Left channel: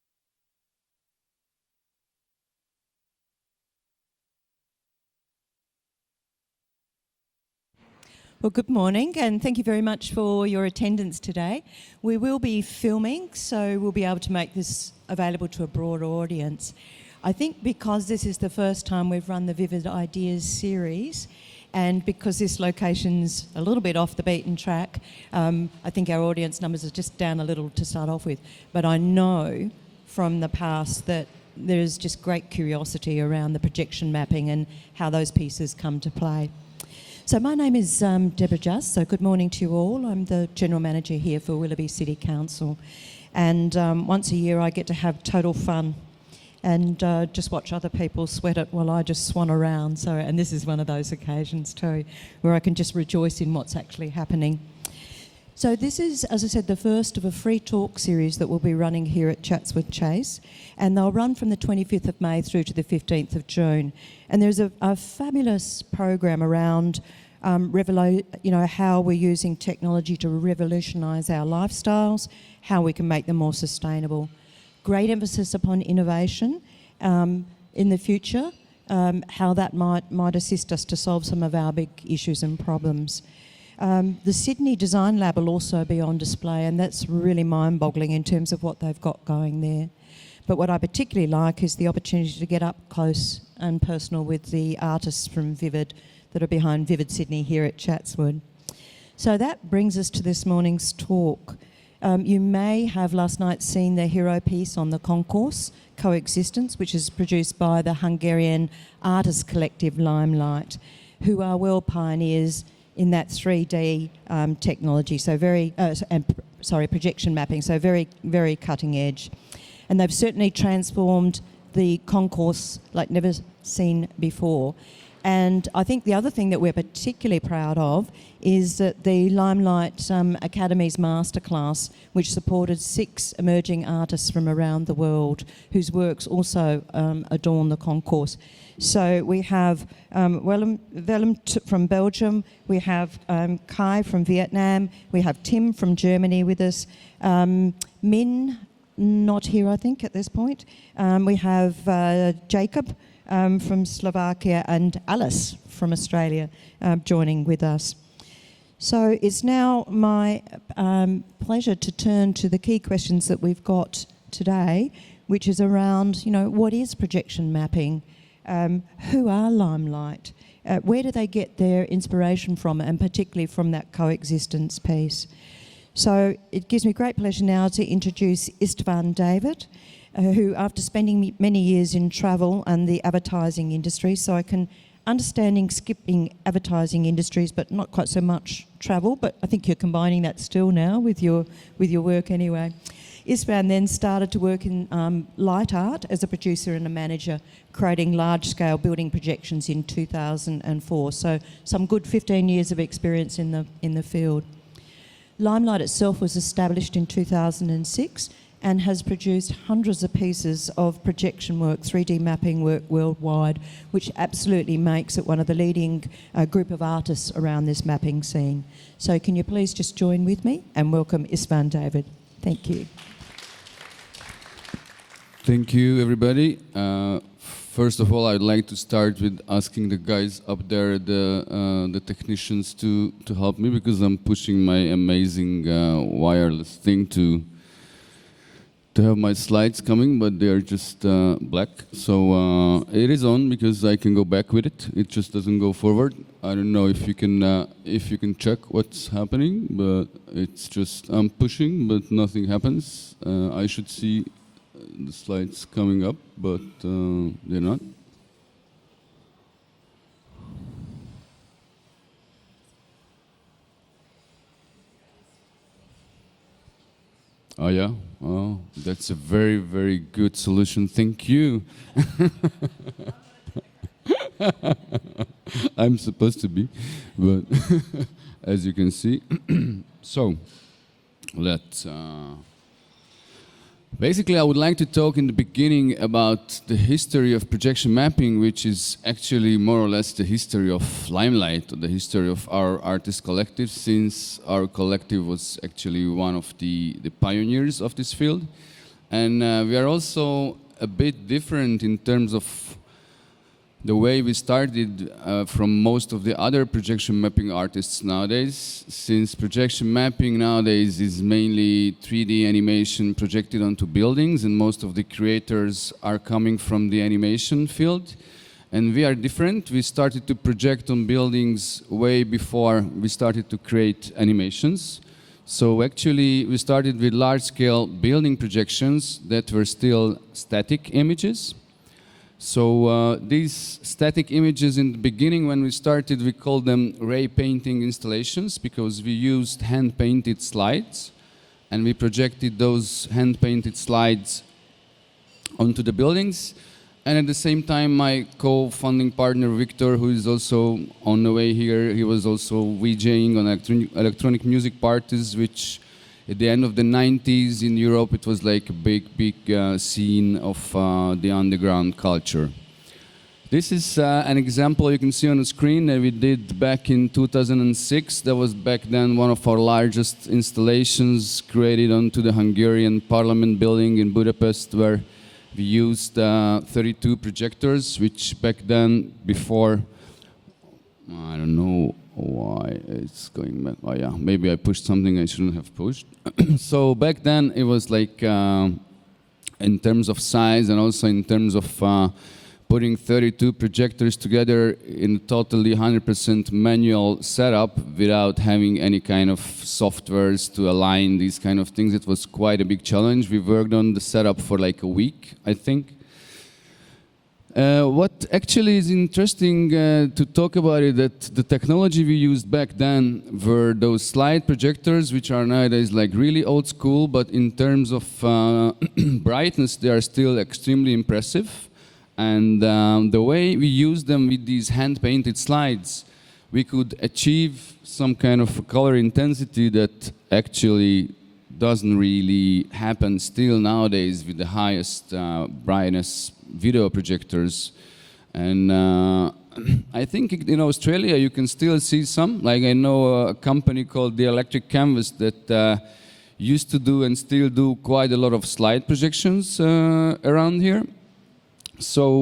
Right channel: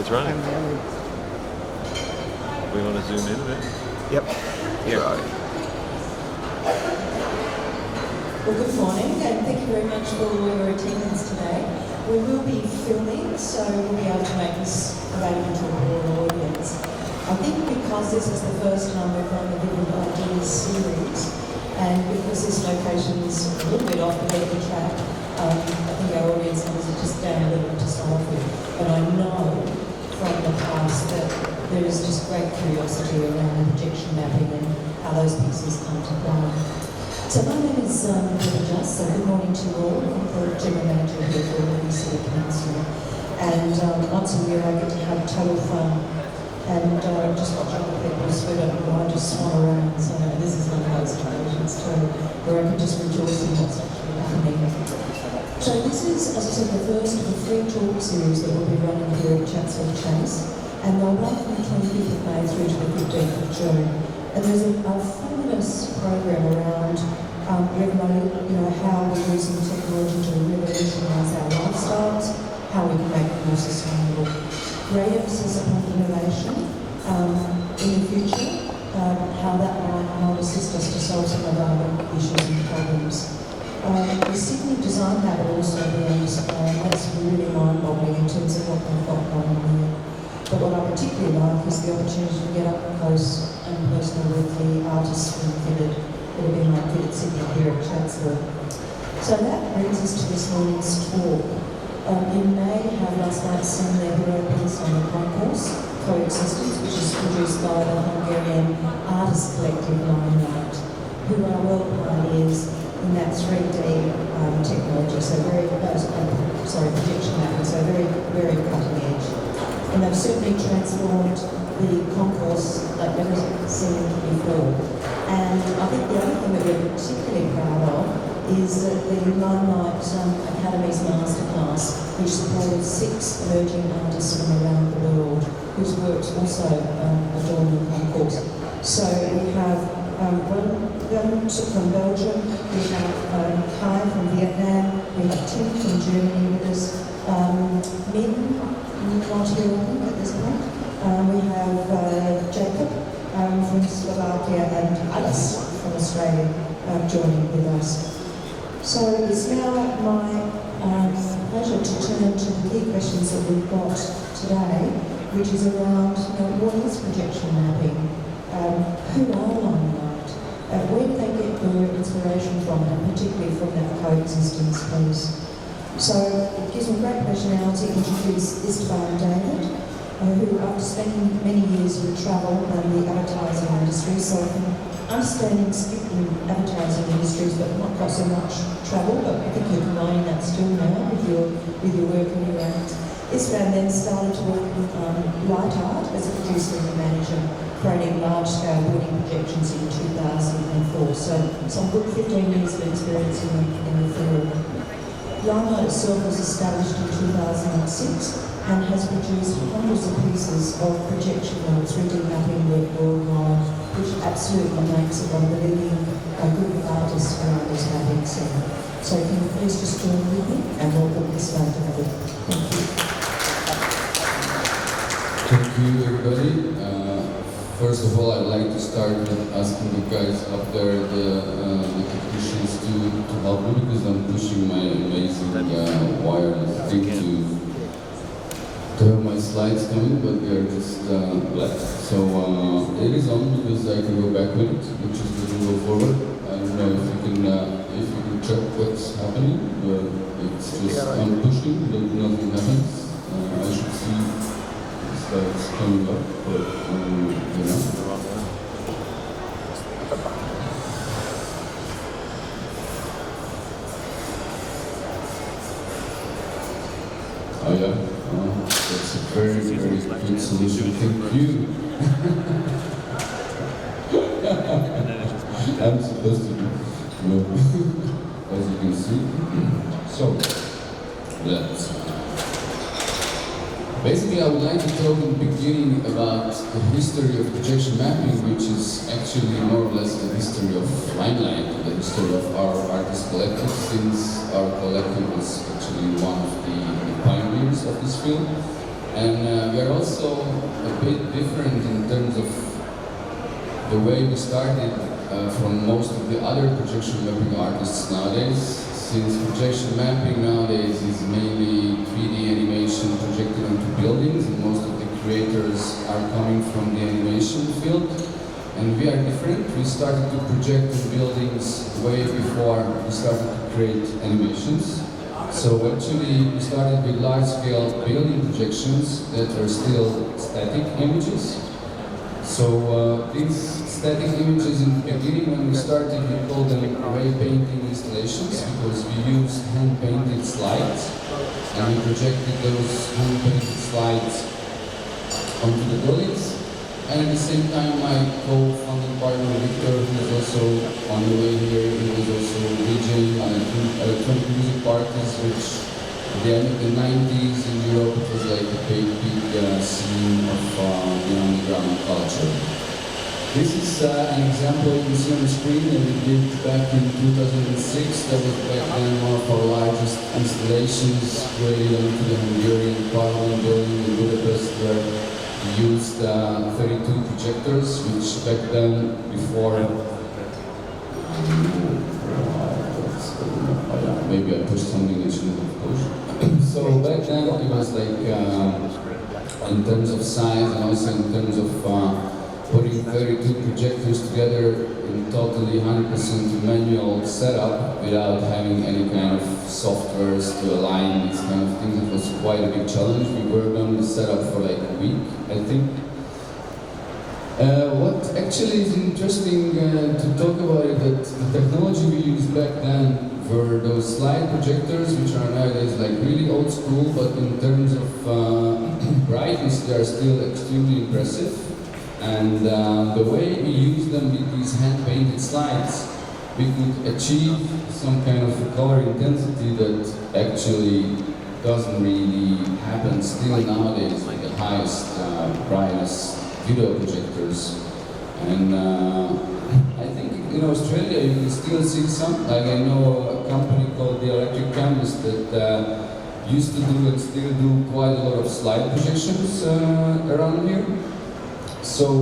It's running. We want to zoom in a bit? Yep. Here. Right. Well, good morning, and thank you very much for your attendance today. We will be filming, so we'll be able to make this available to a broader audience. I think because this is the first time we've run the Vivid Ideas series, and because this location's a little bit off the beaten track, I think our audience numbers are just down a little to start off with. But I know from the past that there's just great curiosity around the projection mapping and how those pieces come to play. So my name is Deborah Just, so good morning to you all. I'm the General Manager here for Liberty City Council. And once a year I get to have total fun and just watch other people sweat it while I just swan around. So, and this is one of those occasions too, where I can just rejoice in what's actually happening. So this is, as I said, the first of a free talk series that we'll be running here at Chatswood Chase, and they'll run from the 25th of May through to the 15th of June. And there's a fabulous program around how we're using technology to revolutionise our lifestyles, how we can make them more sustainable. Great emphasis upon innovation in the future, how that might assist us to solve some of our big issues and problems. The Sydney Design Lab will also be on display, and that's really mind-boggling in terms of what they've got going on there. But what I particularly like is the opportunity to get up close and personal with the artists from Vivid that are behind Vivid Sydney here at Chatswood. So that brings us to this morning's talk. You may have last night seen the hero piece on the concourse, Coexistence, which is produced by the Hungarian artist collective Limelight, who are world pioneers in that 3D technology, so projection mapping, so very, very cutting edge. And they've certainly transformed the concourse like never seen before. And I think the other thing that we're particularly proud of is that the Limelight Academy's masterclass, which supported 6 emerging artists from around the world, whose works also adorn the concourse. So we have Willem from Belgium, we have Kai from Vietnam, we have Tim from Germany with us, Min, not here I think at this point, we have Jacob from Slovakia, and Alice from Australia joining with us. So it's now my pleasure to turn to the key questions that we've got today, which is around, what is projection mapping? Who are Limelight? Where do they get their inspiration from, and particularly from that coexistence piece? So it gives me great pleasure now to introduce Istvan David, who, after spending many years in travel and the advertising industry, so I can skipping advertising industries, but not quite so much travel, but I think you're combining that still now with your work anyway. Istvan then started to work in light art as a producer and a manager, creating large-scale building projections in 2004, so some good 15 years of experience in the field. Limelight itself was established in 2006 and has produced hundreds of pieces of projection work, 3D mapping work worldwide, which absolutely makes it one of the leading group of artists around this mapping scene. So can you please just join with me and welcome Istvan David. Thank you. Thank you, everybody. First of all, I'd like to start with asking the guys up there, the technicians, to help me, because I'm pushing my amazing wireless thing to have my slides coming, but they are just black. So it is on because I can go back with it. It just doesn't go forward. I don't know if you can check what's happening, but it's just I'm pushing, but nothing happens. I should see the slides coming up, but Oh yeah. That's a very, very good solution. Thank you. I'm supposed to be, but as you can see. So, basically I would like to talk in the beginning about the history of projection mapping, which is actually more or less the history of Limelight, the history of our artist collective, since our collective was actually one of the pioneers of this field. And we are also a bit different in terms of the way we started from most of the other projection mapping artists nowadays, since projection mapping nowadays is mainly 3D animation projected onto buildings, and most of the creators are coming from the animation field. And we are different. We started to project on buildings way before we started to create animations. So actually we started with large-scale building projections that were still static images. So these static images in the beginning, when we started, we called them ray painting installations because we used hand-painted slides, and we projected those hand-painted slides onto the buildings. And at the same time, my co-founding partner Victor, who is also on the way here, he was also VJing electronic music parties, which at the end of the 90s in Europe, it was like a big scene of the underground culture. This is an example you can see on the screen that we did back in 2006. That was back then one of our largest installations created onto the Hungarian Parliament building in Budapest, where we used 32 projectors, which back then, before, maybe I pushed something I shouldn't have pushed. So back then it was like, in terms of size and also in terms of putting 32 projectors together in a totally 100% manual setup without having any kind of softwares to align these kind of things. It was quite a big challenge. We worked on the setup for like a week, I think. What actually is interesting to talk about is that the technology we used back then were those slide projectors, which are nowadays like really old school, but in terms of brightness, they are still extremely impressive. And the way we use them with these hand-painted slides, we could achieve some kind of color intensity that actually doesn't really happen still nowadays with the highest brightness video projectors. And I think in Australia you can still see some, like I know a company called the Electric Canvas that used to do and still do quite a lot of slide projections around here. So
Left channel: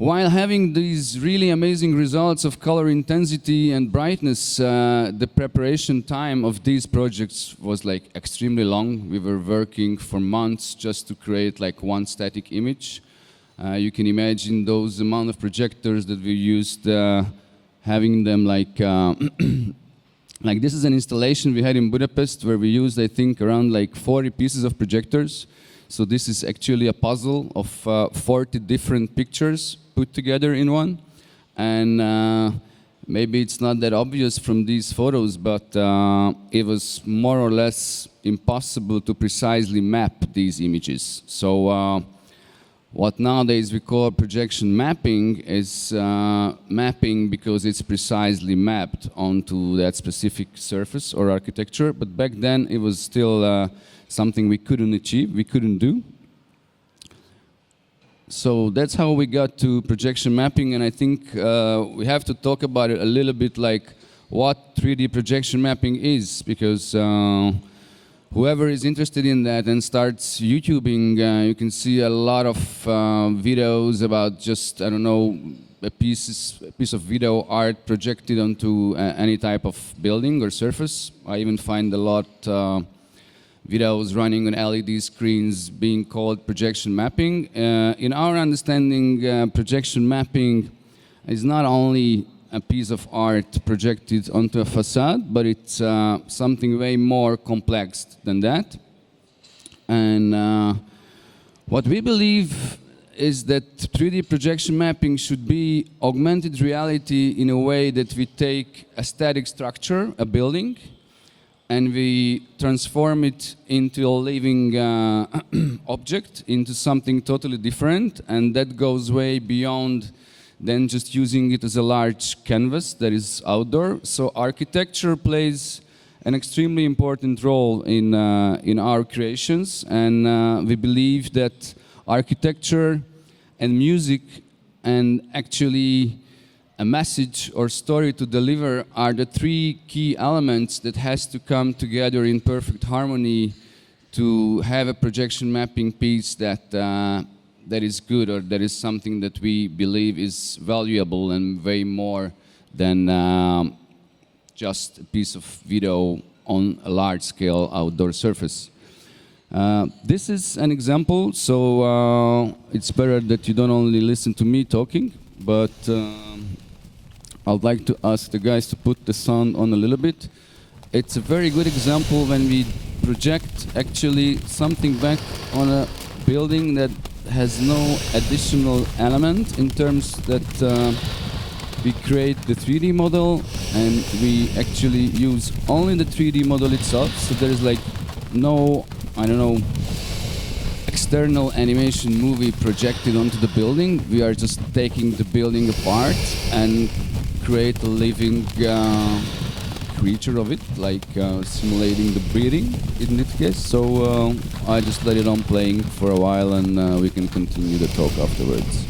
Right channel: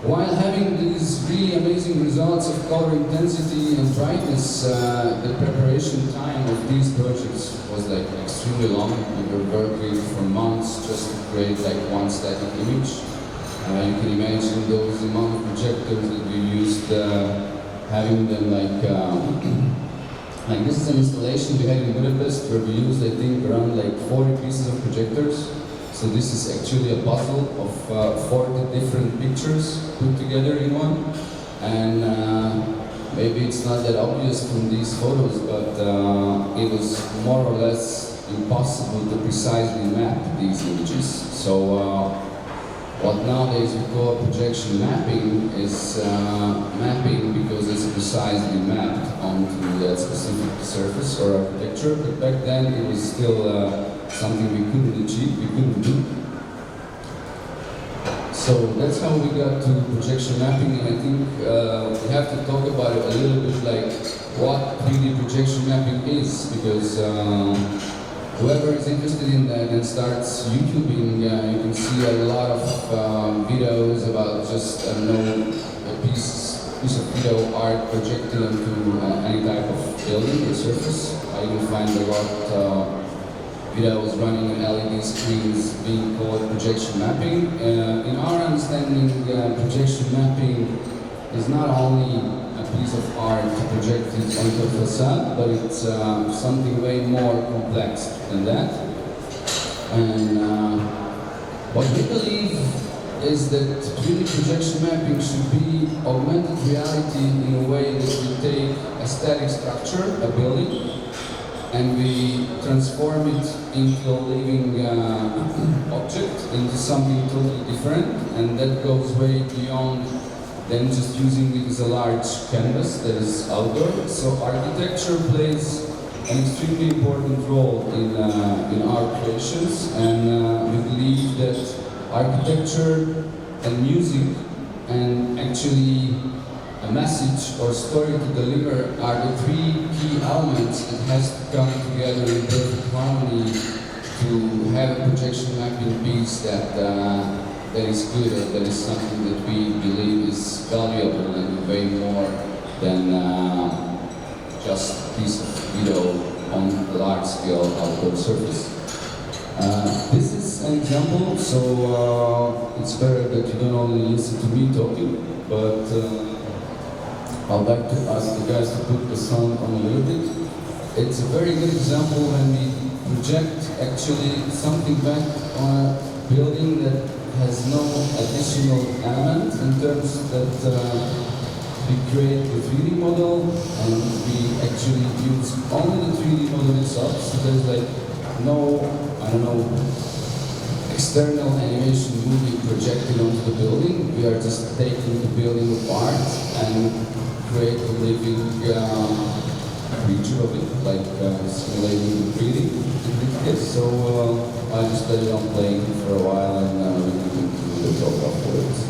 while having these really amazing results of color intensity and brightness, the preparation time of these projects was like extremely long. We were working for months just to create like one static image. You can imagine those amount of projectors that we used, having them like this is an installation we had in Budapest where we used, I think, around like 40 pieces of projectors. So this is actually a puzzle of 40 different pictures put together in one. And maybe it's not that obvious from these photos, but it was more or less impossible to precisely map these images. So what nowadays we call projection mapping is mapping because it's precisely mapped onto that specific surface or architecture. But back then it was still something we couldn't achieve, we couldn't do. So that's how we got to projection mapping, and I think we have to talk about it a little bit, like what 3D projection mapping is, because whoever is interested in that and starts YouTubing, you can see a lot of videos about just, I don't know, a piece of video art projected onto any type of building or surface. I even find a lot videos running on LED screens being called projection mapping. In our understanding, projection mapping is not only a piece of art projected onto a facade, but it's something way more complex than that. And what we believe is that 3D projection mapping should be augmented reality in a way that we take a static structure, a building, and we transform it into a living object, into something totally different, and that goes way beyond than just using it as a large canvas that is outdoor. So architecture plays an extremely important role in our creations, and we believe that architecture and music and actually a message or story to deliver are the three key elements that has to come together in perfect harmony to have a projection mapping piece that that is good, or that is something that we believe is valuable and way more than just a piece of video on a large-scale outdoor surface. This is an example, so it's better that you don't only listen to me talking, but I'd like to ask the guys to put the sound on a little bit. It's a very good example when we project actually something back on a building that has no additional element, in terms that we create the 3D model and we actually use only the 3D model itself, so there's like no, I don't know, external animation movie projected onto the building. We are just taking the building apart and create a living creature of it, like simulating the breathing in this case. So I just let it on playing for a while, and we can continue the talk afterwards.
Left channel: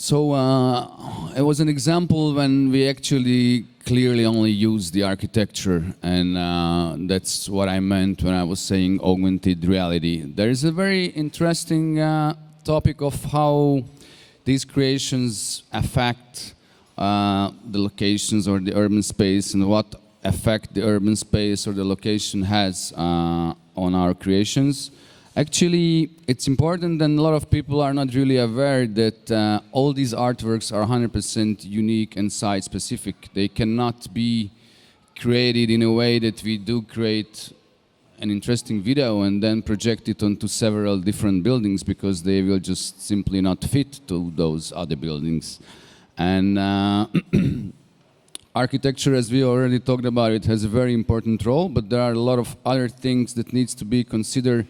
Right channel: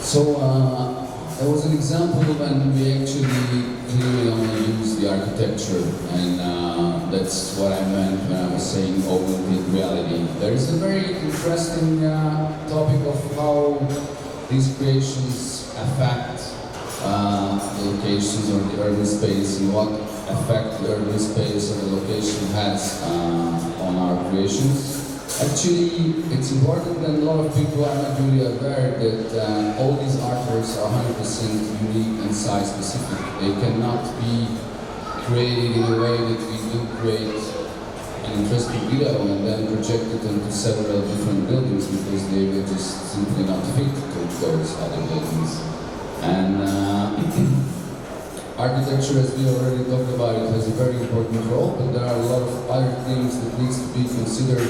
So it was an example when we actually clearly only use the architecture, and that's what I meant when I was saying augmented reality. There is a very interesting topic of how these creations affect the locations or the urban space, and what effect the urban space or the location has on our creations. Actually, it's important, and a lot of people are not really aware that all these artworks are 100% unique and site-specific. They cannot be created in a way that we do create an interesting video and then project it onto several different buildings, because they will just simply not fit to those other buildings. And architecture, as we already talked about, it has a very important role, but there are a lot of other things that needs to be considered.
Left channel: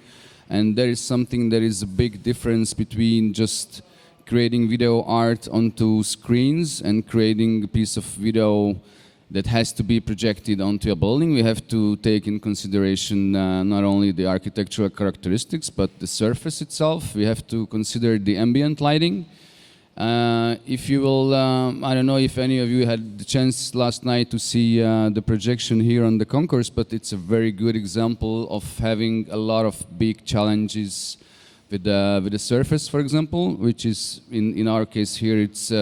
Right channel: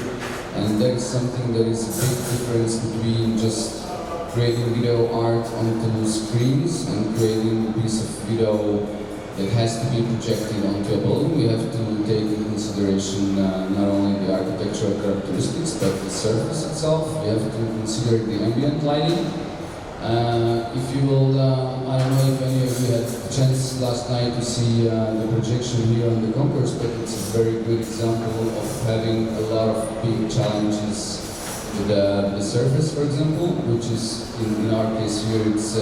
And there is something that is a big difference between just creating video art onto screens and creating a piece of video that has to be projected onto a building. We have to take in consideration not only the architectural characteristics, but the surface itself. We have to consider the ambient lighting. If you will, I don't know if any of you had the chance last night to see the projection here on the concourse, but it's a very good example of having a lot of big challenges with the surface, for example, which is, in our case here, it's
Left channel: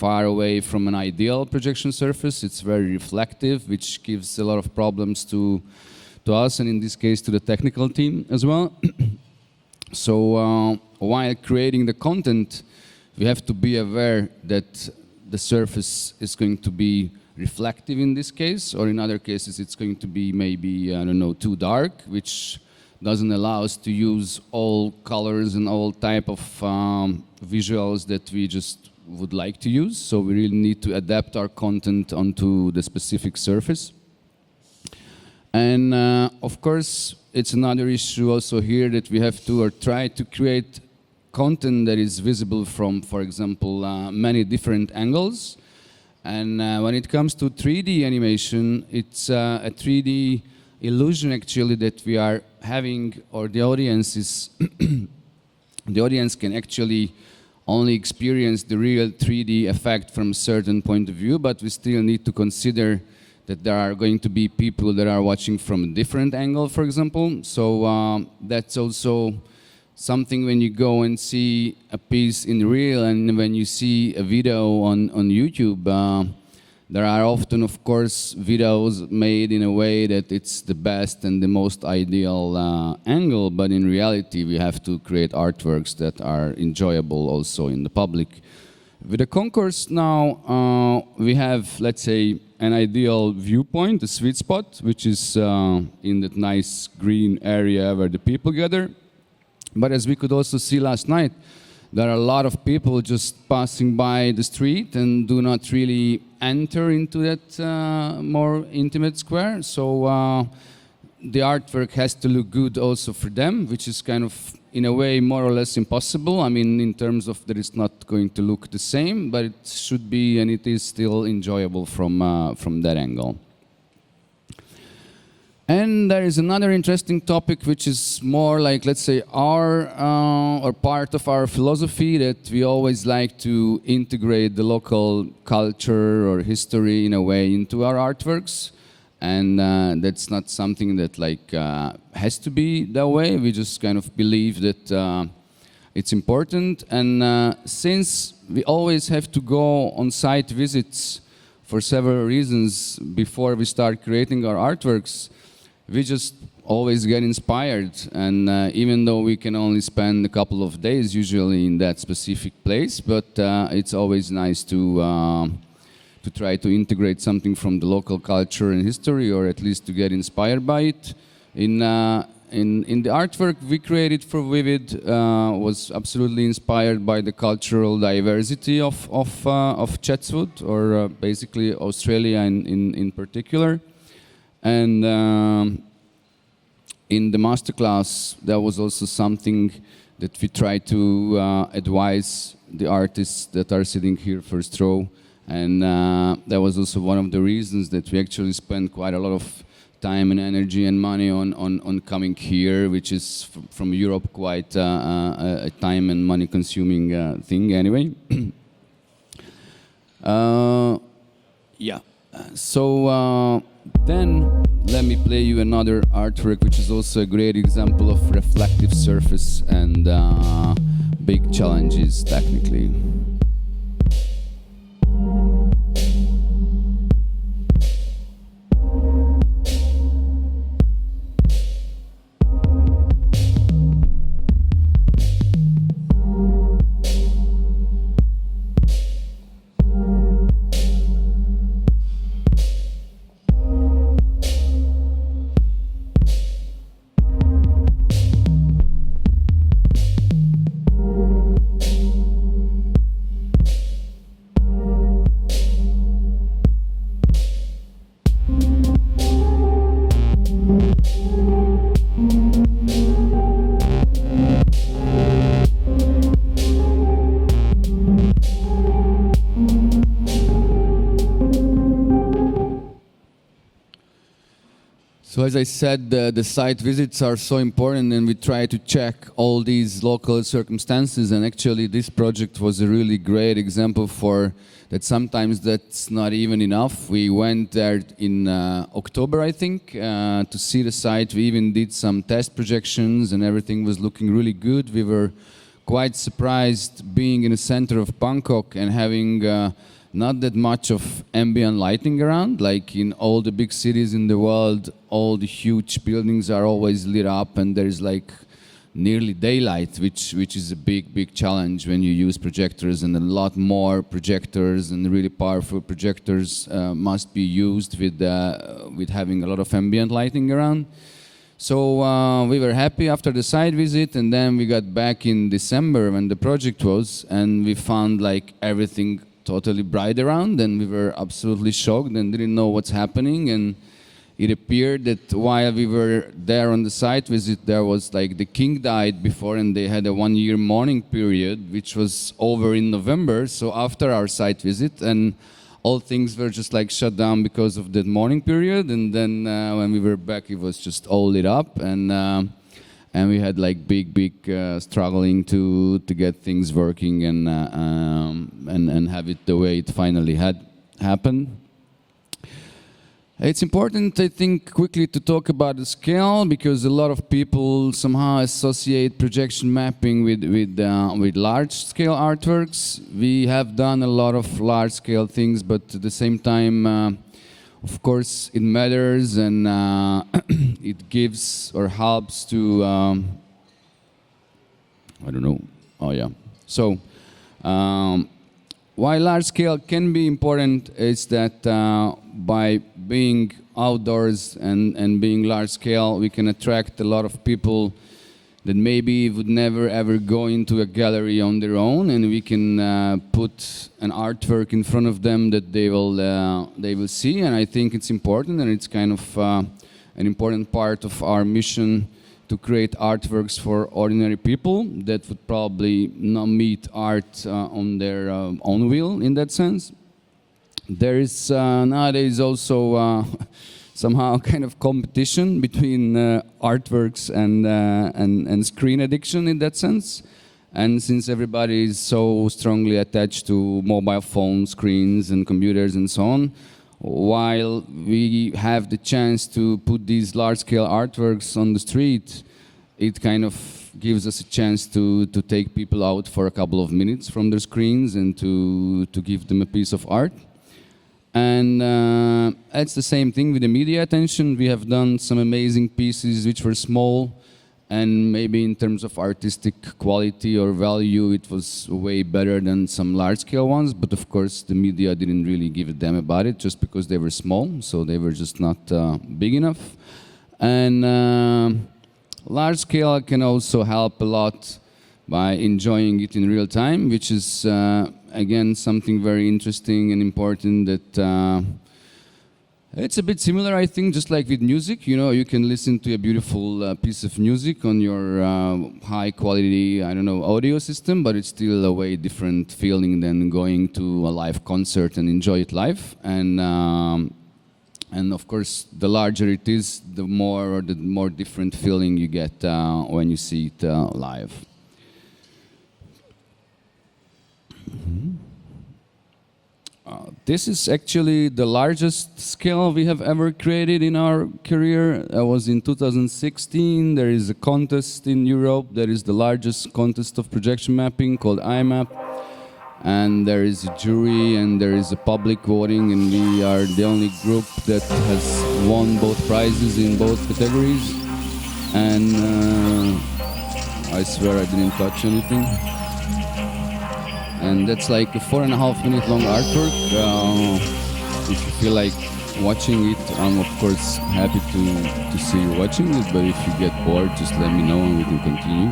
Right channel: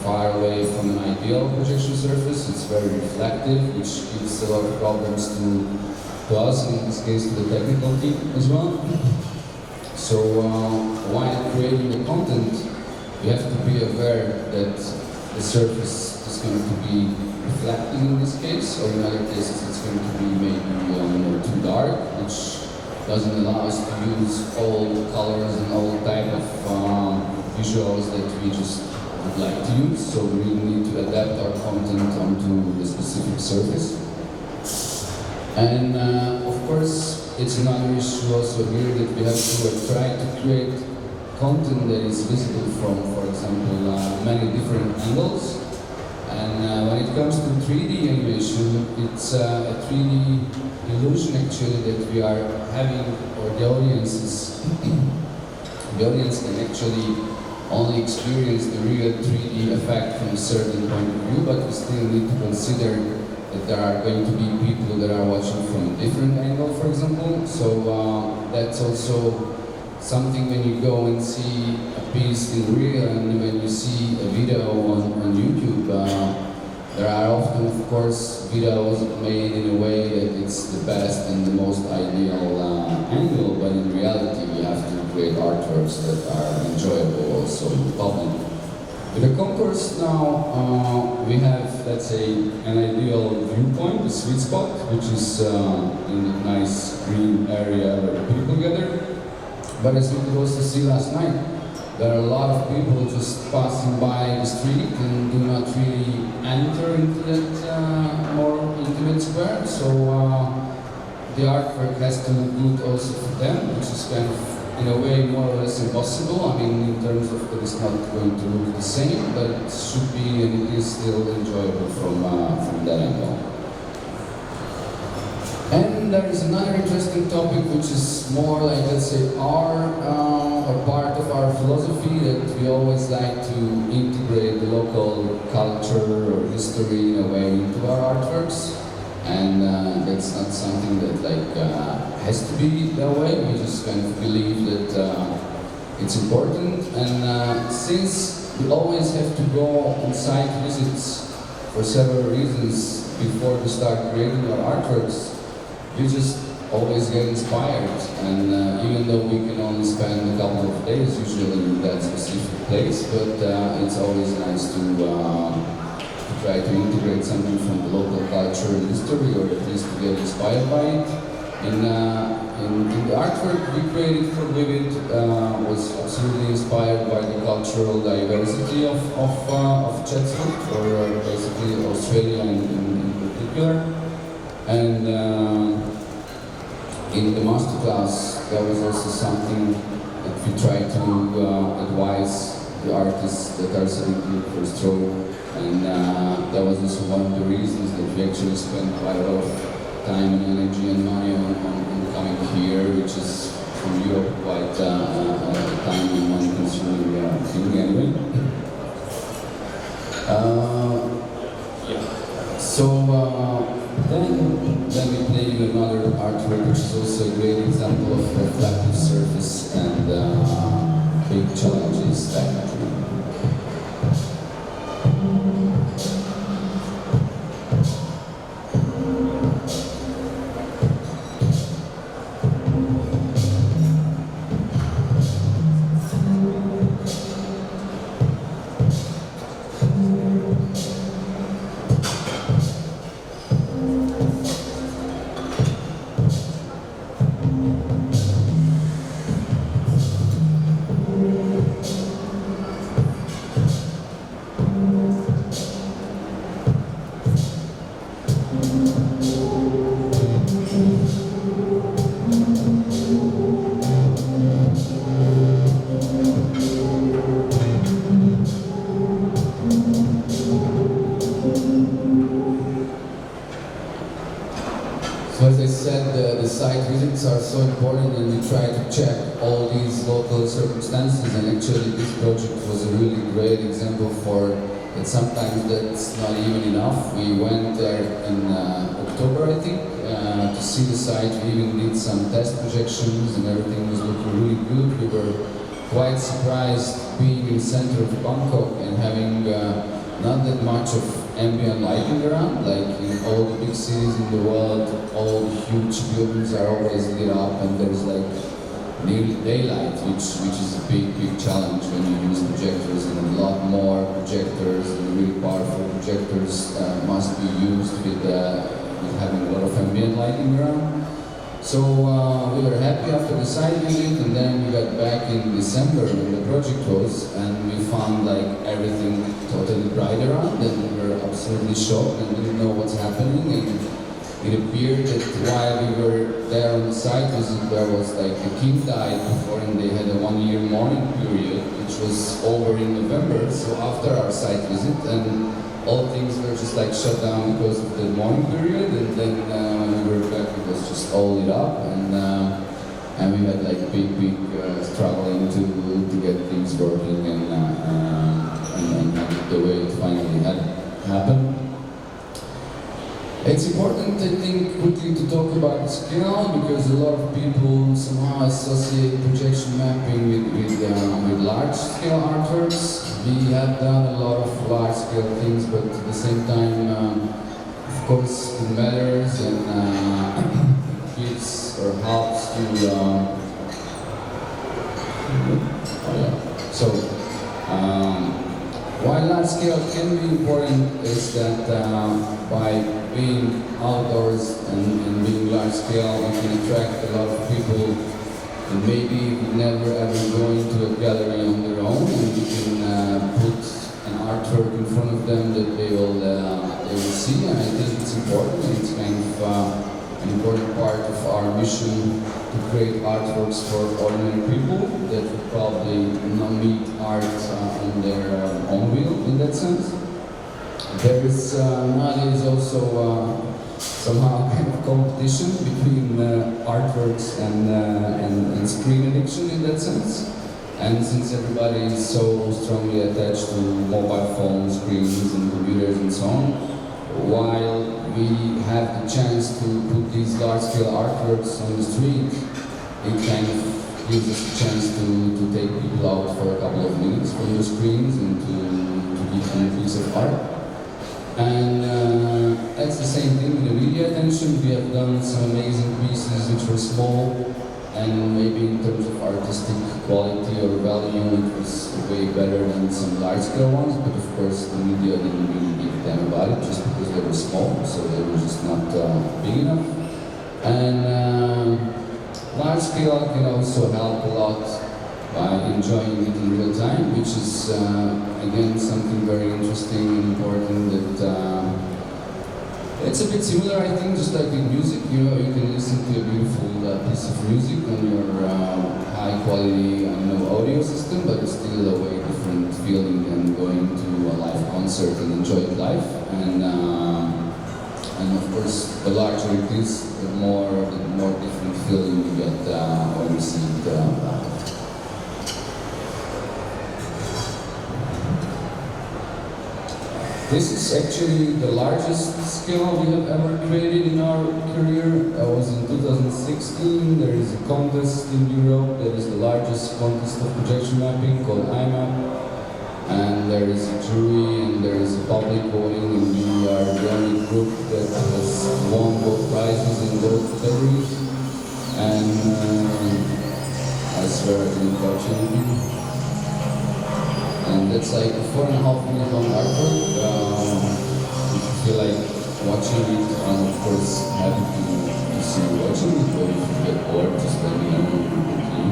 far away from an ideal projection surface. It's very reflective, which gives a lot of problems to us, and in this case to the technical team as well. So while creating the content, we have to be aware that the surface is going to be reflective in this case, or in other cases it's going to be maybe, I don't know, too dark, which doesn't allow us to use all colors and all type of visuals that we just would like to use. So we really need to adapt our content onto the specific surface. And of course, it's another issue also here that we have to try to create content that is visible from, for example, many different angles. And when it comes to 3D animation, it's a 3D illusion actually that we are having, or the audience is, the audience can actually only experience the real 3D effect from a certain point of view, but we still need to consider that there are going to be people that are watching from a different angle, for example. So that's also something when you go and see a piece in real and when you see a video on YouTube. There are often, of course, videos made in a way that it's the best and the most ideal angle, but in reality we have to create artworks that are enjoyable also in the public. With the concourse now, we have, let's say, an ideal viewpoint, a sweet spot, which is in the nice green area where the people gather. But as we could also see last night, there are a lot of people just passing by the street and do not really enter into that more intimate square. So the artwork has to look good also for them, which is kind of, in a way, more or less impossible. I mean, in terms of that it's not going to look the same, but it should be, and it is still enjoyable from that angle. And there is another interesting topic which is more like, let's say, our or part of our philosophy, that we always like to integrate the local culture or history in a way into our artworks, and that's not something that has to be that way. We just kind of believe that it's important, and since we always have to go on site visits for several reasons before we start creating our artworks, we just always get inspired, and even though we can only spend a couple of days usually in that specific place, but it's always nice to try to integrate something from the local culture and history, or at least to get inspired by it. In the artwork we created for Vivid was absolutely inspired by the cultural diversity of Chatswood, or basically Australia in particular. And in the masterclass, that was also something that we try to advise the artists that are sitting here first row. And that was also one of the reasons that we actually spent quite a lot of time and energy and money on coming here, which is from Europe quite a time and money consuming thing anyway. Yeah. So then let me play you another artwork, which is also a great example of reflective surface and big challenges technically. As I said, the site visits are so important, and we try to check all these local circumstances, and actually this project was a really great example for that. Sometimes that's not even enough. We went there in October, I think, to see the site. We even did some test projections and everything was looking really good. We were quite surprised being in the center of Bangkok and having not that much of ambient lighting around. Like in all the big cities in the world, all the huge buildings are always lit up and there's like nearly daylight, which is a big challenge when you use projectors, and a lot more projectors and really powerful projectors must be used with having a lot of ambient lighting around. So we were happy after the site visit, and then we got back in December when the project was, and we found like everything totally bright around, and we were absolutely shocked and didn't know what's happening. And it appeared that while we were there on the site visit, there was like the king died before, and they had a 1-year mourning period, which was over in November. So after our site visit, and all things were just like shut down because of the mourning period, and then when we were back, it was just all lit up. And and we had like big struggling to get things working and have it the way it finally had happened. It's important, I think, quickly to talk about the scale, because a lot of people somehow associate projection mapping with large-scale artworks. We have done a lot of large-scale things, but at the same time, of course, it matters and it gives or helps to. Why large-scale can be important is that by being outdoors and being large scale, we can attract a lot of people that maybe would never ever go into a gallery on their own, and we can put an artwork in front of them that they will see. And I think it's important, and it's kind of an important part of our mission to create artworks for ordinary people that would probably not meet art on their own will in that sense. There is nowadays also somehow kind of competition between artworks and screen addiction in that sense. And since everybody is so strongly attached to mobile phone screens and computers and so on, while we have the chance to put these large-scale artworks on the street, it kind of gives us a chance to take people out for a couple of minutes from their screens and to give them a piece of art. And it's the same thing with the media attention. We have done some amazing pieces which were small, and maybe in terms of artistic quality or value it was way better than some large-scale ones, but of course the media didn't really give a damn about it just because they were small, so they were just not big enough. And large-scale can also help a lot by enjoying it in real time, which is again something very interesting and important that it's a bit similar, I think, just like with music. You know, you can listen to a beautiful piece of music on your high quality, I don't know, audio system, but it's still a way different feeling than going to a live concert and enjoy it live. And of course, the larger it is, the more different feeling you get when you see it live. This is actually the largest scale we have ever created in our career. It was in 2016. There is a contest in Europe that is the largest contest of projection mapping called IMAP. And there is a jury and there is a public voting, and we are the only group that has won both prizes in both categories. And I swear I didn't touch anything. And that's like a 4.5 minute long artwork. If you feel like watching it, I'm of course happy to see you watching it, but if you get bored, just let me know and we can continue.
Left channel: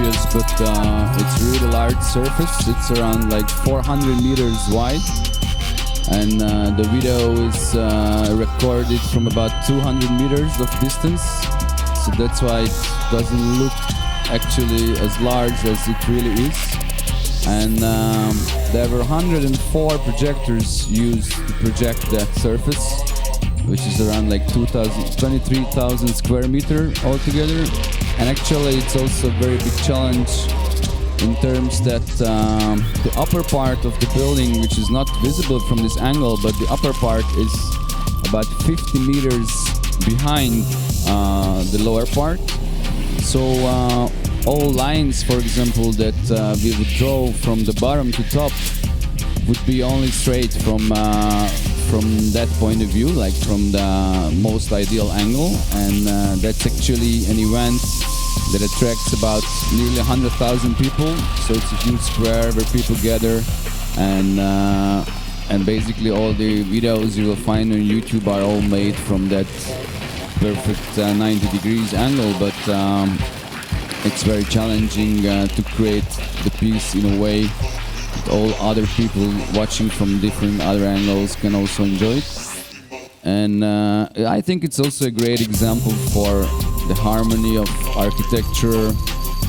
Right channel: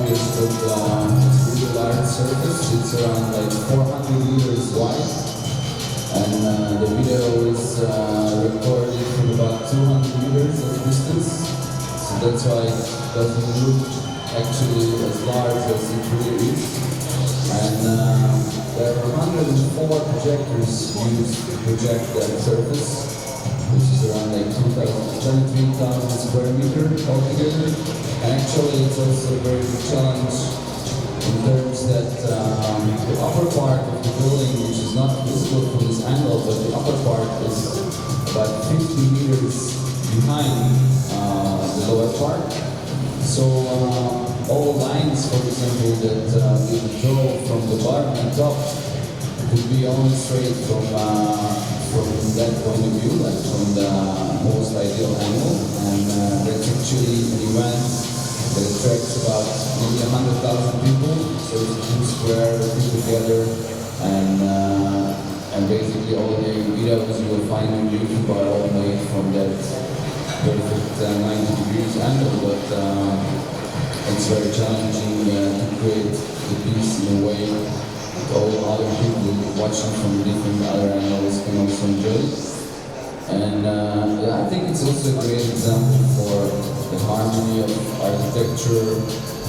It's a really large surface. It's around like 400 meters wide, and the video is recorded from about 200 meters of distance. So that's why it doesn't look actually as large as it really is. And there were 104 projectors used to project that surface, which is around like 23,000 square meters altogether. And actually it's also a very big challenge in terms that the upper part of the building, which is not visible from this angle, but the upper part is about 50 meters behind the lower part. So all lines, for example, that we draw from the bottom to top would be only straight from that point of view, like from the most ideal angle, and that's actually an event that attracts about nearly 100,000 people. So it's a huge square where people gather, and basically all the videos you will find on YouTube are all made from that perfect 90 degrees angle, but it's very challenging to create the piece in a way that all other people watching from different other angles can also enjoy. And I think it's also a great example for the harmony of architecture,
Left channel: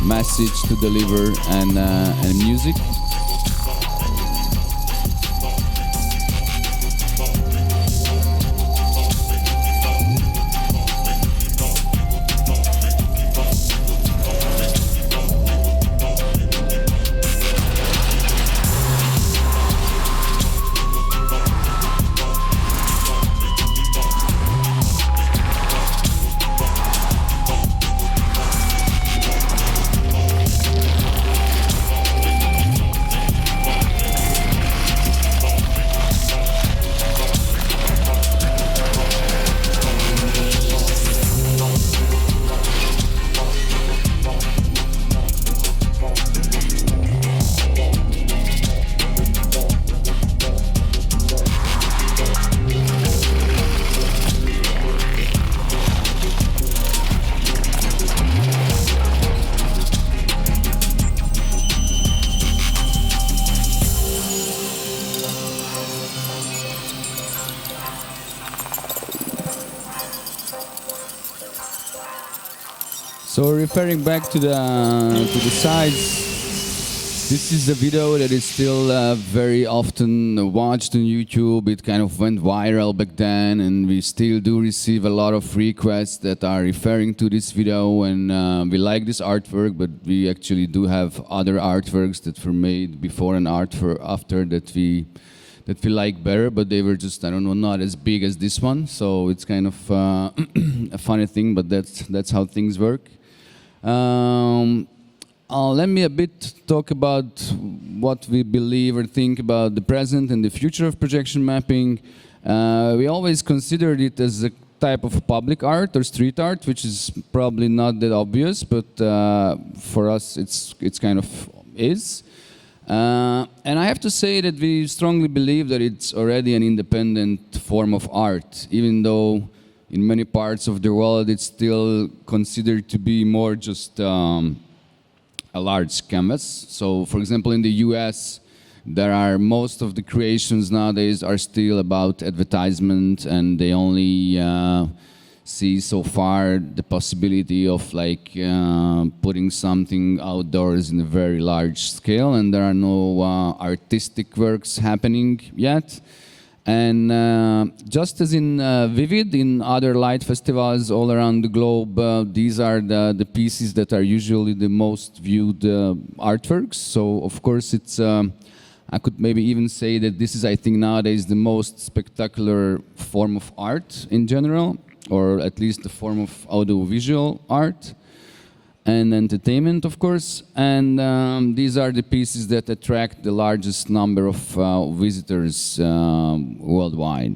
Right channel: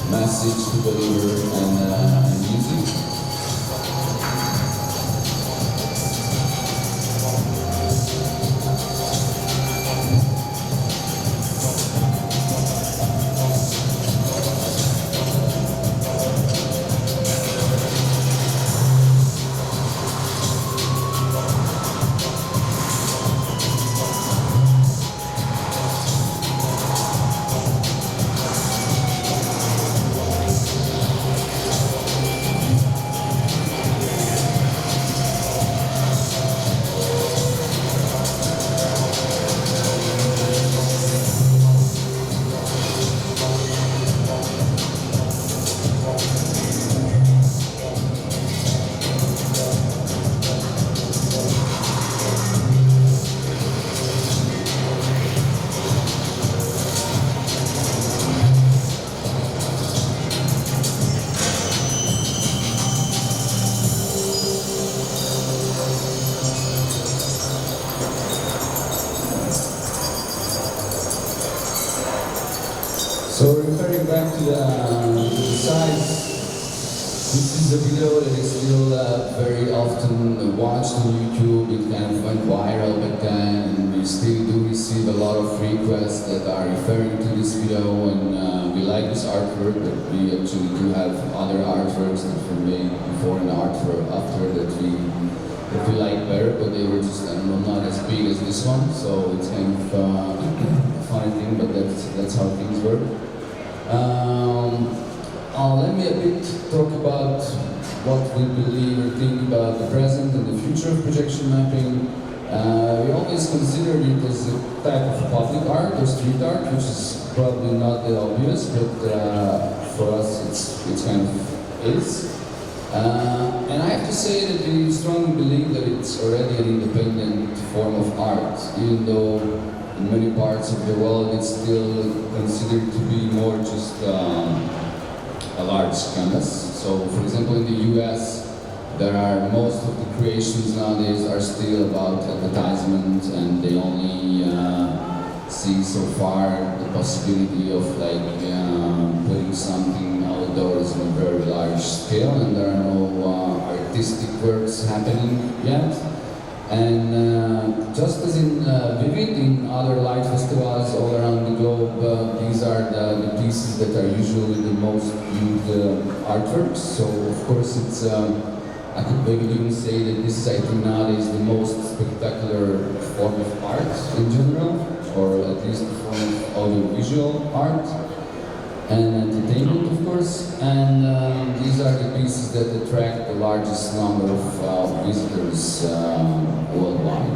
message to deliver, and music. So referring back to the size, this is a video that is still very often watched on YouTube. It kind of went viral back then, and we still do receive a lot of requests that are referring to this video, and we like this artwork, but we actually do have other artworks that were made before and artwork after that we like better, but they were just, I don't know, not as big as this one, so it's kind of a funny thing, but that's how things work. Let me a bit talk about what we believe or think about the present and the future of projection mapping. We always considered it as a type of public art or street art, which is probably not that obvious, but for us it's kind of is. And I have to say that we strongly believe that it's already an independent form of art, even though in many parts of the world it's still considered to be more just a large canvas. So, for example, in the US, most of the creations nowadays are still about advertisement, and they only see so far the possibility of putting something outdoors in a very large scale, and there are no artistic works happening yet. And just as in Vivid, in other light festivals all around the globe, these are the pieces that are usually the most viewed artworks. So of course it's, I could maybe even say that this is, I think, nowadays the most spectacular form of art in general, or at least a form of audiovisual art and entertainment, of course. And these are the pieces that attract the largest number of visitors worldwide.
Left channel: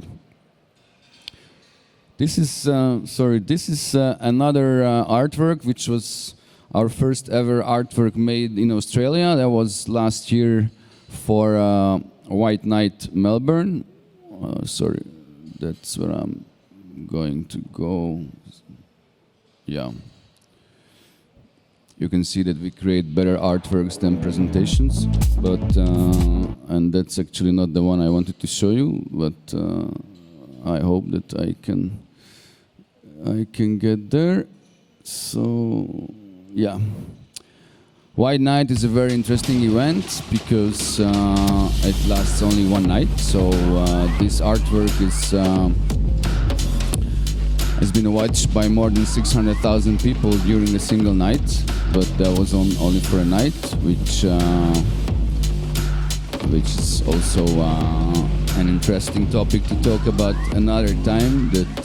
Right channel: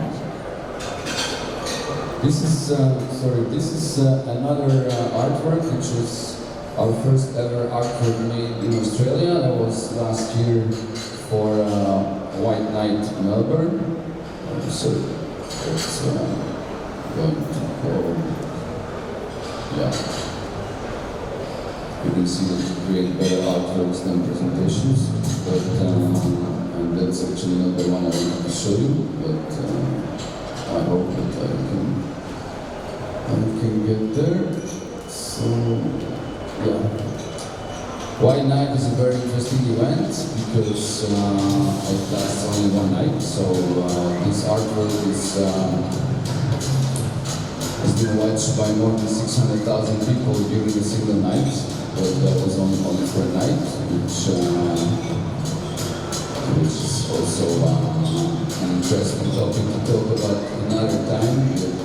This is another artwork, which was our first ever artwork made in Australia. That was last year for White Night Melbourne. Sorry, that's going to go. Yeah. You can see that we create better artworks than presentations, but and that's actually not the one I wanted to show you. But I hope that I can get there. So yeah, White Night is a very interesting event because it lasts only one night. So this artwork is It's been watched by more than 600,000 people during a single night, but that was only for a night, which is also an interesting topic to talk about another time. That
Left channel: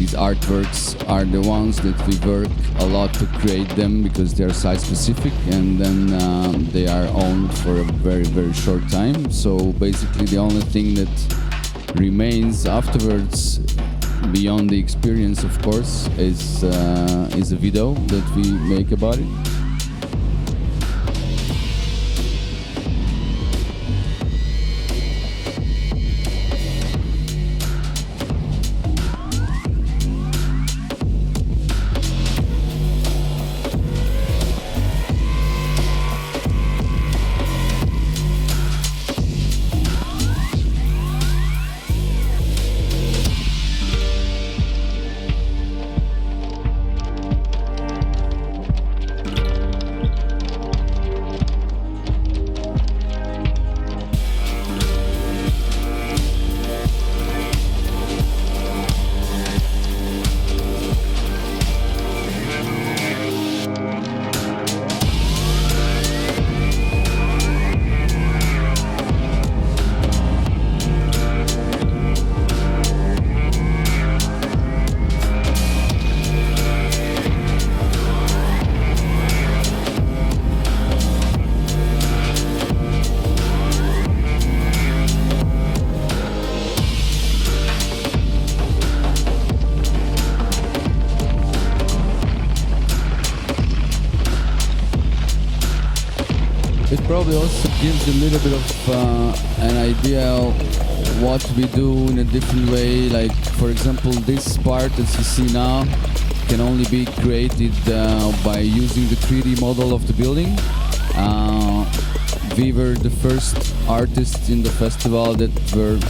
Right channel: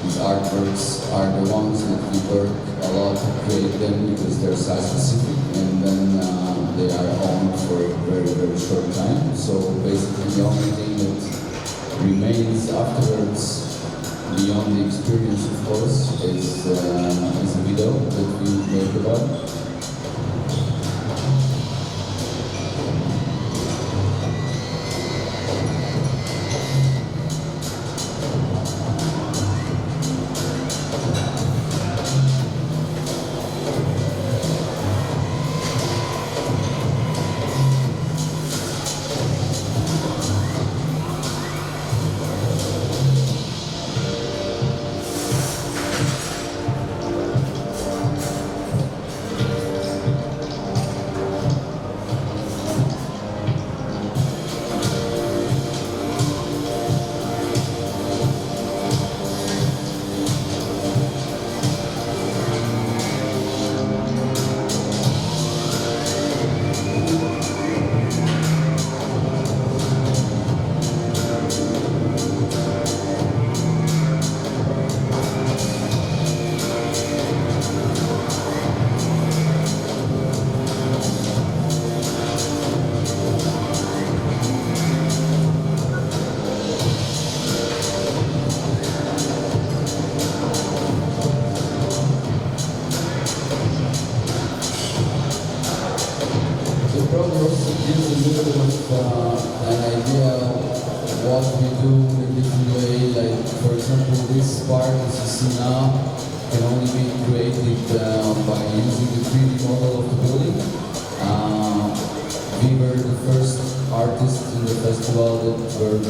these artworks are the ones that we work a lot to create them because they're site specific, and then they are owned for a very, very short time. So basically the only thing that remains afterwards, beyond the experience of course, is a video that we make about it. Probably also gives a little bit of an idea of what we do in a different way. Like, for example, this part that you see now can only be created by using the 3D model of the building. We were the first artists in the festival that were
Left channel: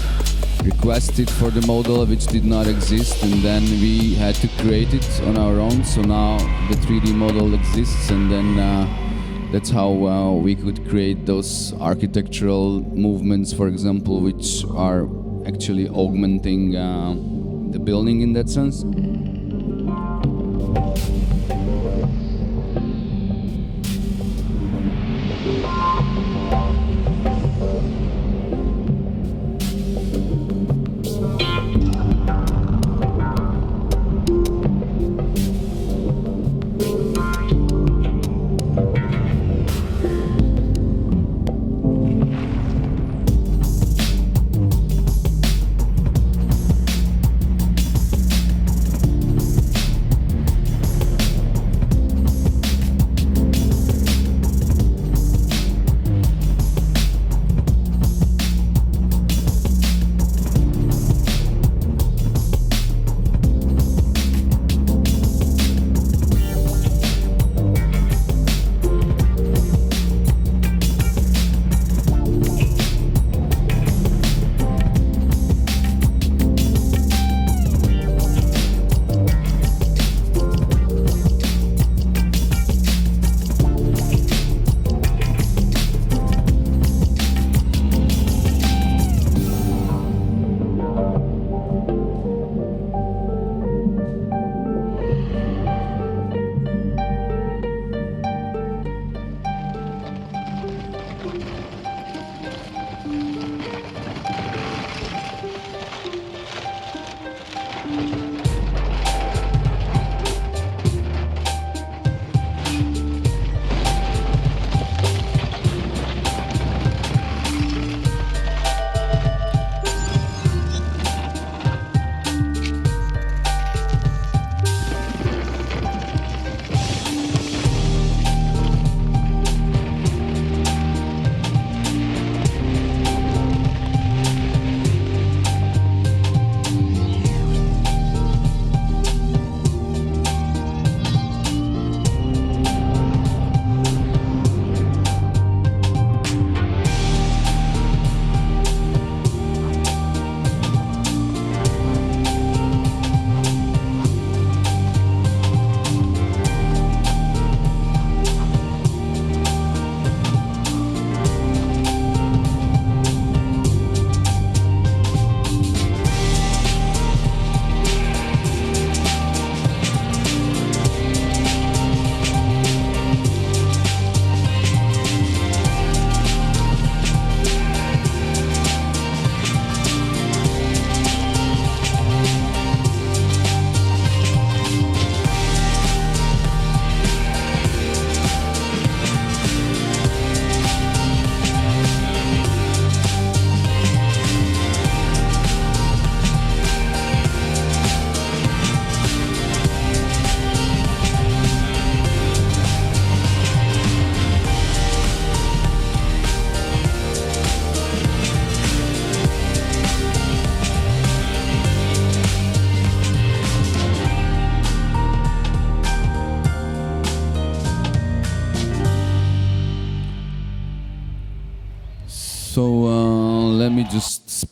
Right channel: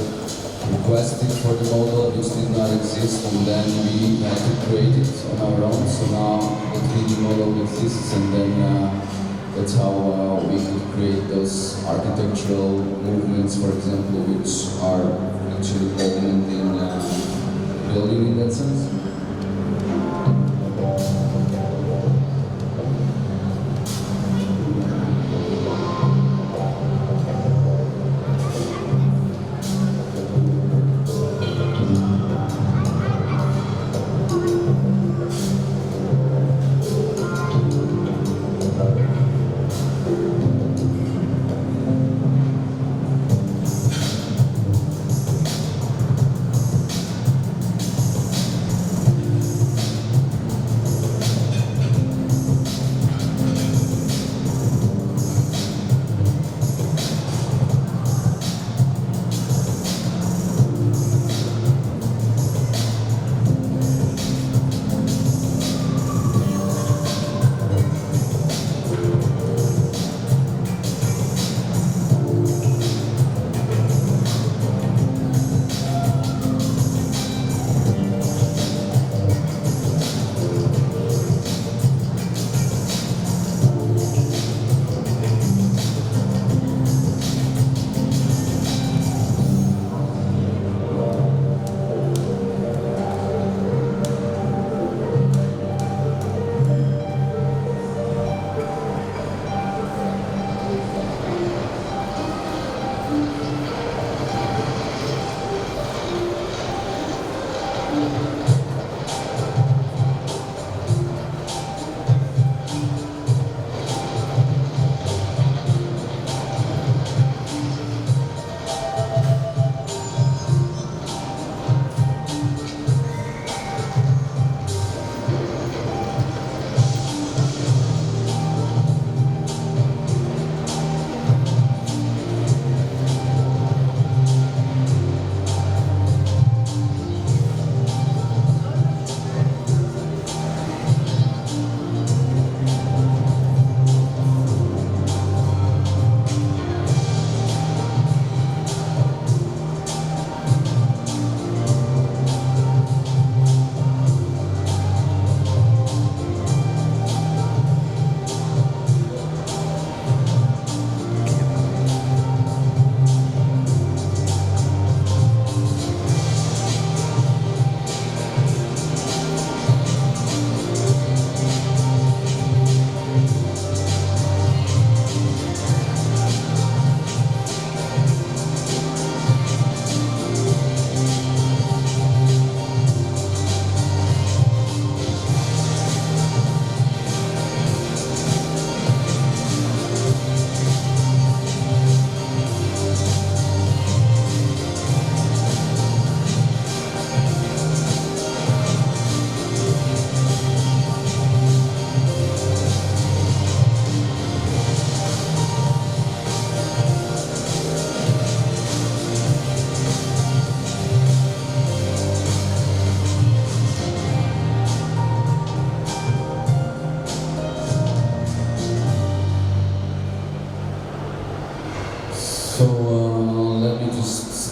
requested for the model, which did not exist, and then we had to create it on our own. So now the 3D model exists, and then that's how we could create those architectural movements, for example, which are actually augmenting the building in that sense.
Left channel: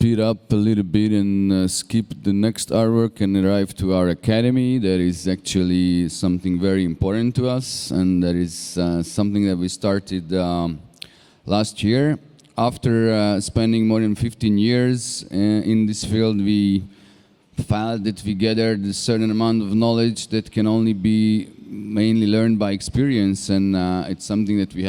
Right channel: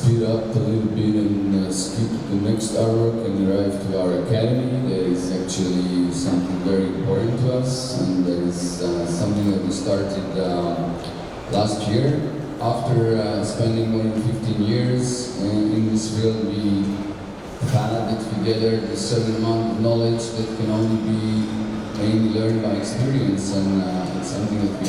speed up a little bit and skip the next artwork and arrive to our academy. That is actually something very important to us, and that is something that we started last year. After spending more than 15 years in this field, we felt that we gathered a certain amount of knowledge that can only be mainly learned by experience, and it's something that we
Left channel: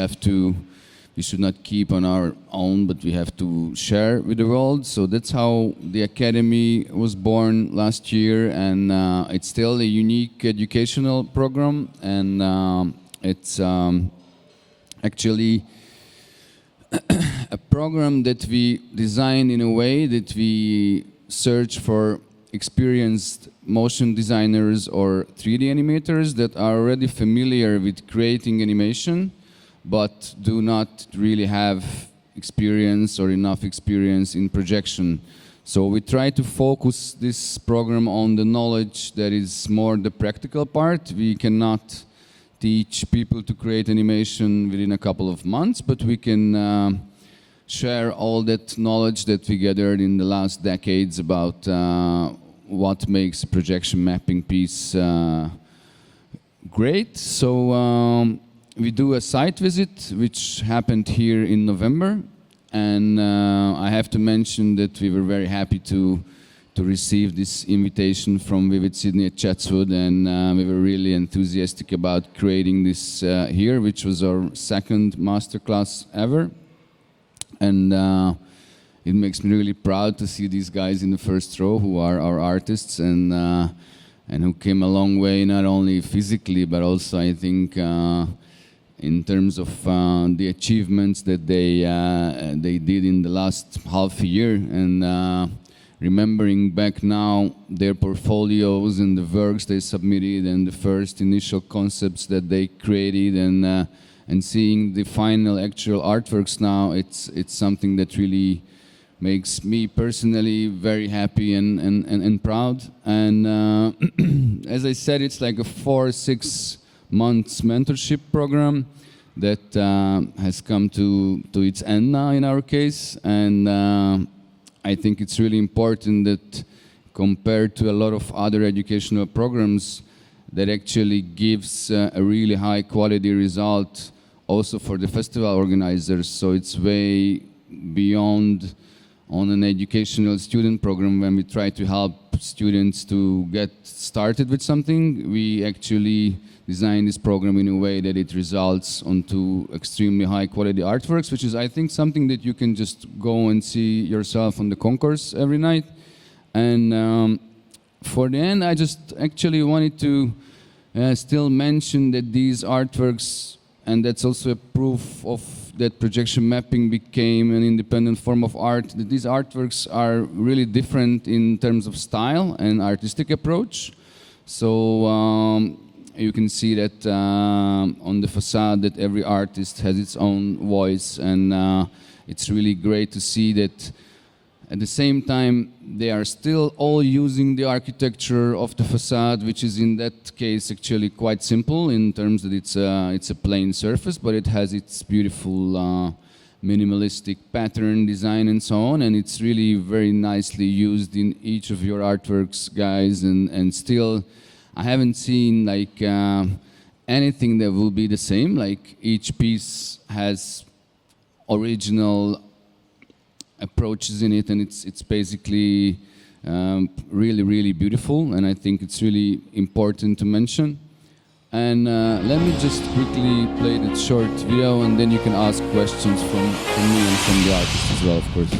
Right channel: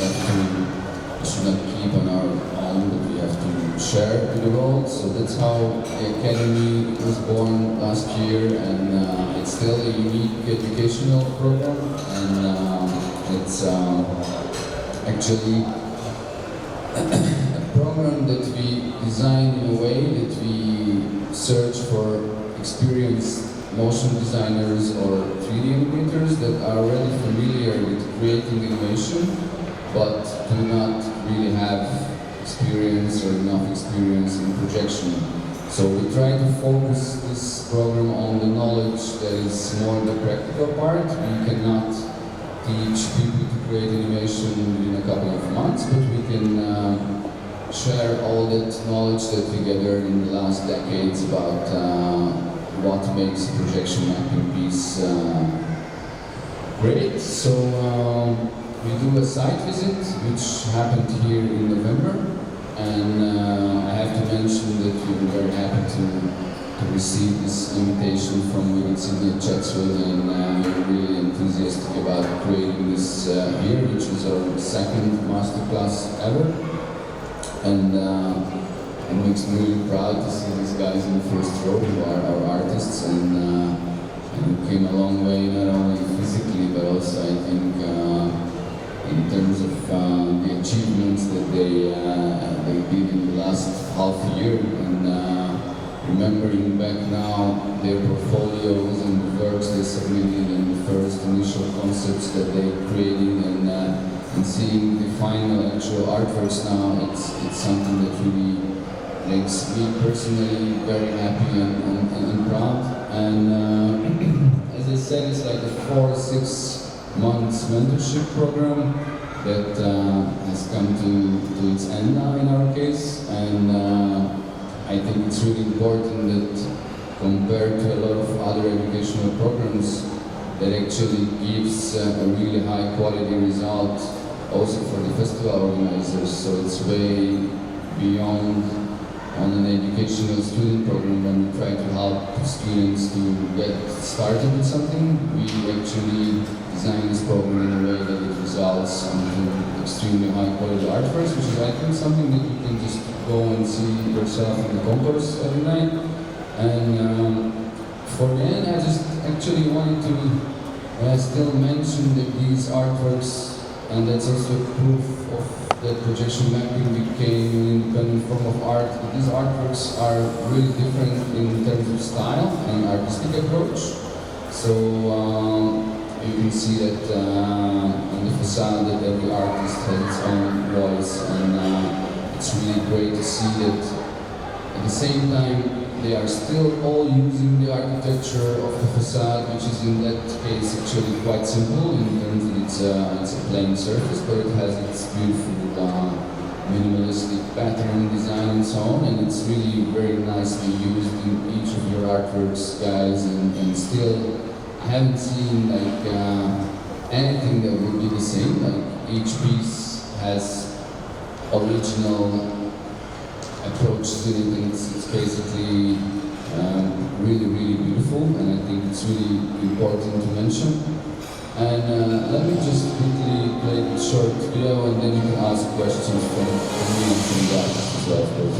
should not keep on our own, but we have to share with the world. So that's how the Academy was born last year, and it's still a unique educational program, and it's actually a program that we design in a way that we search for experienced motion designers or 3D animators that are already familiar with creating animation, but do not really have experience or enough experience in projection. So we try to focus this program on the knowledge that is more the practical part. We cannot teach people to create animation within a couple of months, but we can share all that knowledge that we gathered in the last decades about what makes a projection mapping piece great. So we do a site visit, which happened here in November, and I have to mention that we were very happy to receive this invitation from Vivid Sydney at Chatswood, and we were really enthusiastic about creating this here, which was our second masterclass ever. And it makes me really proud to see these guys in the first row who are our artists, and who came a long way, not only physically but also I think in terms of the achievements that they did in the last half a year, and remembering back now their portfolios and the works they submitted and the first initial concepts that they created, and seeing the final actual artworks now, it's something that really makes me personally very happy and proud. And as I said, it's like a 4 or 6 months mentorship program that has come to its end now in our case, and I think it's really important that compared to a lot of other educational programs, that actually gives a really high quality result also for the festival organizers. So it's way beyond on an educational student program when we try to help students to get started with something. We actually design this program in a way that it results onto extremely high quality artworks, which is I think something that you can just go and see yourself in the concourse every night. And for the end, I just actually wanted to still mention that these artworks, and that's also a proof of that projection mapping became an independent form of art, that these artworks are really different in terms of style and artistic approach. So you can see that on the facade that every artist has its own voice, and it's really great to see that at the same time they are still all using the architecture of the facade, which is in that case actually quite simple in terms that it's a plain surface, but it has its beautiful minimalistic pattern design and so on, and it's really very nicely used in each of your artworks, guys, and still I haven't seen like anything that will be the same. Like each piece has original approaches in it, and it's basically really beautiful, and I think it's really important to mention. And let me just quickly play that short video, and then you can ask questions from me and from the artist as well, of course.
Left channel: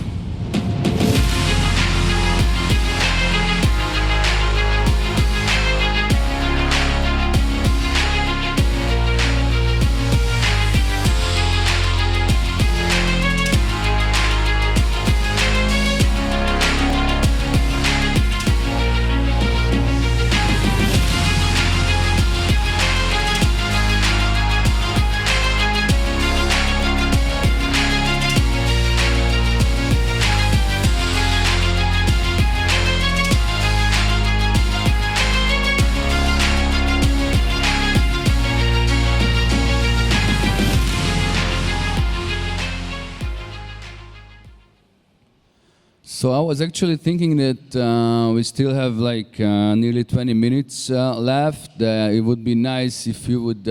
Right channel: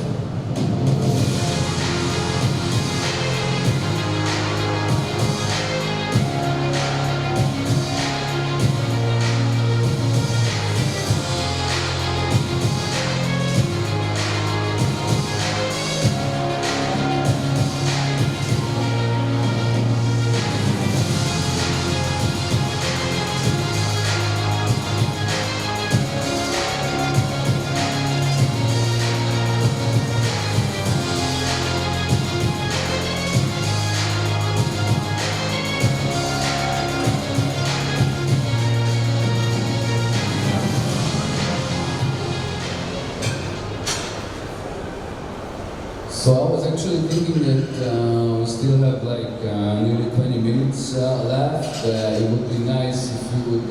was actually thinking that we still have like nearly 20 minutes left. It would be nice if you would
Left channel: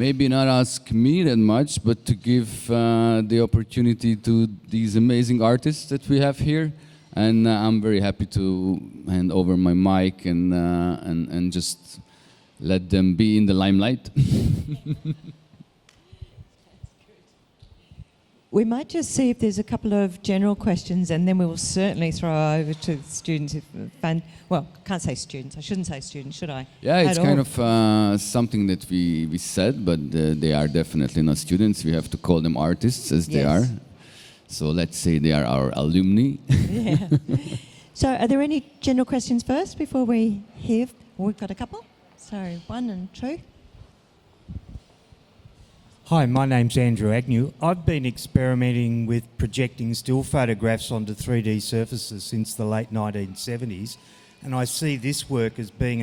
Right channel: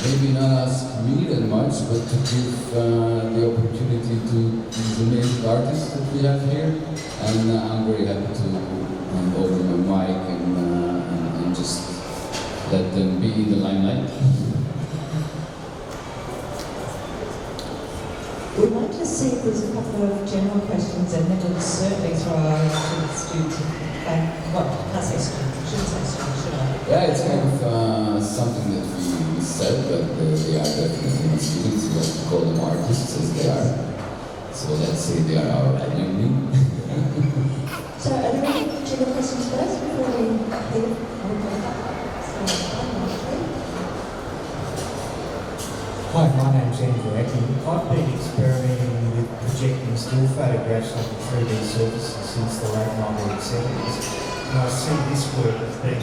maybe not ask me that much, but to give the opportunity to these amazing artists that we have here. And I'm very happy to hand over my mic and just let them be in the limelight. We might just see if there's a couple of general questions, and then we'll certainly throw over to the students. Well, can't say students. I shouldn't say students, should I? Yeah, it's kind of something that we said, but they are definitely not students. We have to call them artists as they are. So let's say they are our alumni. Yeah. So are there any general questions first before we hear more coming up? Hi, my name's Andrew Agnew. I've been experimenting with projecting still photographs onto 3D surfaces since the late 1970s, and I see this work as being a